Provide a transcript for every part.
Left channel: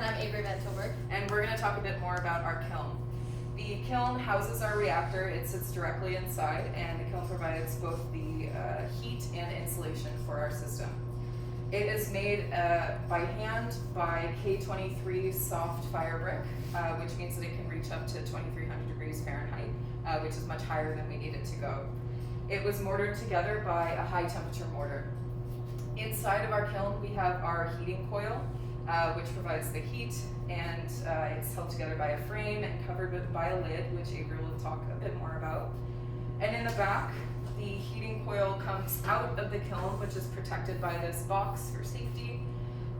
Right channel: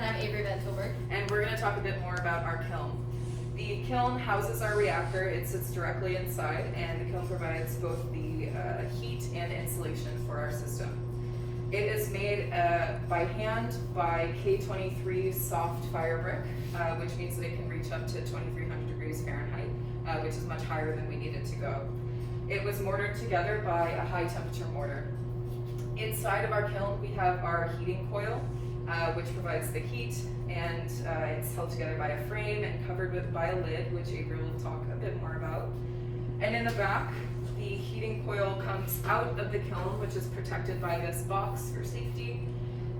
And I'm Avery Bentilberg. And we're going to talk a bit more about our kiln. The kiln houses our reactor. It sits directly inside, and the kiln provides both the heat and insulation for our system. It is made by hand by K23 soft fire brick, which means that it can reach up to 2300 degrees Fahrenheit, which is much higher than we need it to go. It was mortared together by a high temperature mortar. Inside of our kiln, we have our heating coil, which provides the heat, and it's held together by a frame and covered by a lid, which Avery will talk a bit more about. And in the back, the heating coil comes out of the kiln, which is protected by this box for safety.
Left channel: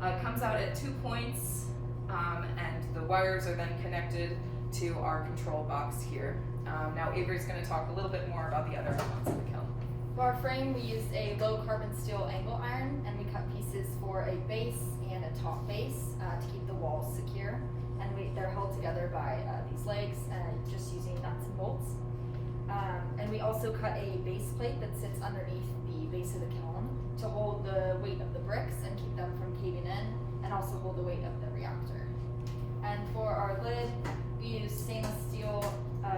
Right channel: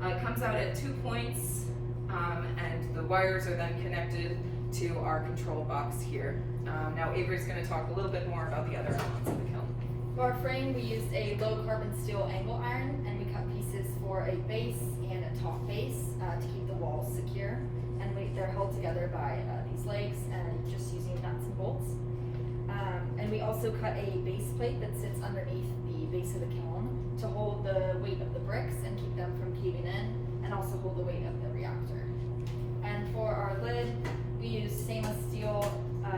It comes out at 2 points, and the wires are then connected to our control box here. Now Avery's going to talk a little bit more about the other elements of the kiln. For our frame, we used a low carbon steel angle iron, and we cut pieces for a base and a top base to keep the walls secure. And they're held together by these legs and just using nuts and bolts. And we also cut a base plate that sits underneath the base of the kiln to hold the weight of the bricks and keep them from caving in, and also hold the weight of the reactor. And for our lid, we used stainless steel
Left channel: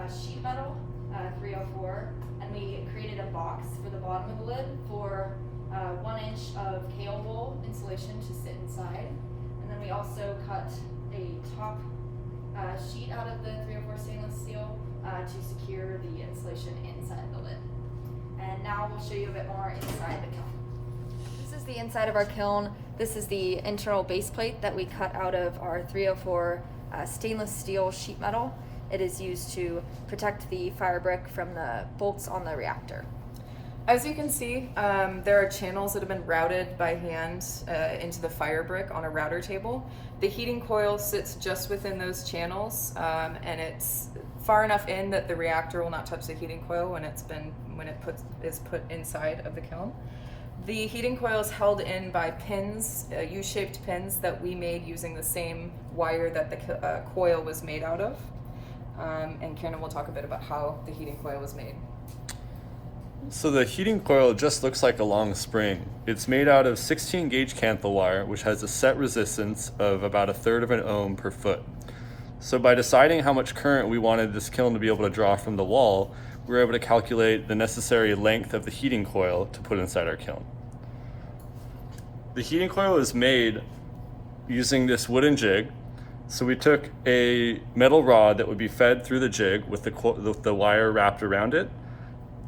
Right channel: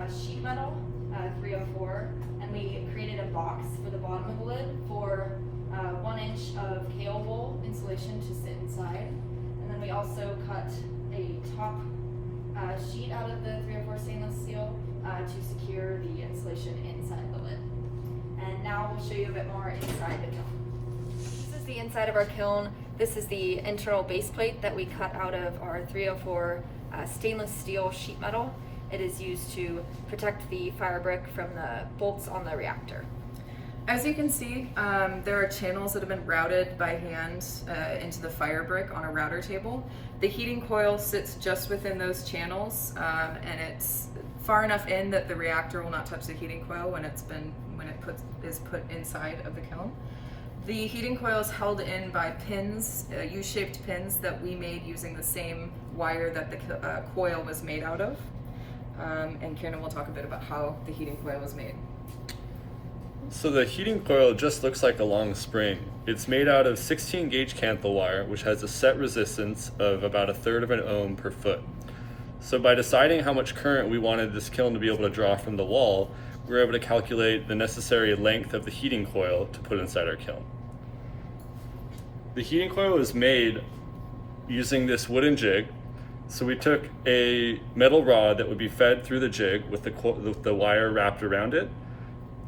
sheet metal, 304, and we created a box for the bottom of the lid for 1 inch of kale wool insulation to sit inside. And then we also cut a top sheet out of the 304 stainless steel to secure the insulation inside the lid. And now we'll show you a bit more inside the kiln. This is the inside of our kiln. This is the internal base plate that we cut out of our 304 stainless steel sheet metal. It is used to protect the fire brick from the bolts on the reactor. As you can see, there are channels that have been routed by hand into the fire brick on a router table. The heating coil sits just within those channels, and it's far enough in that the reactor will not touch the heating coil when it is put inside of the kiln. The heating coil is held in by pins, U-shaped pins that we made using the same wire that the coil was made out of. And Kieran will talk a bit about how the heating coil was made. So the heating coil just looks like a long spring. It's made out of 16 gauge Canthal wire, which has a set resistance of about 1/3 of an ohm per foot. So by deciding how much current we wanted this kiln to be able to draw from the wall, we were able to calculate the necessary length of the heating coil to put inside our kiln. The heating coil is made using this wooden jig. So we took a metal rod that would be fed through the jig with the wire wrapped around it.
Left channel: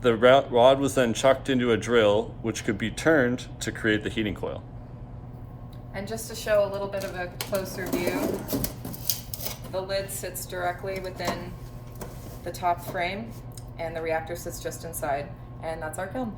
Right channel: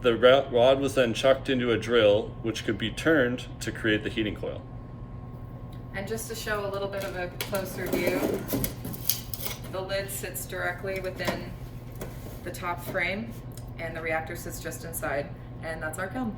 The rod was then chucked into a drill, which could be turned to create the heating coil. And just to show a little bit of a closer view, the lid sits directly within the top frame, and the reactor sits just inside, and that's our kiln.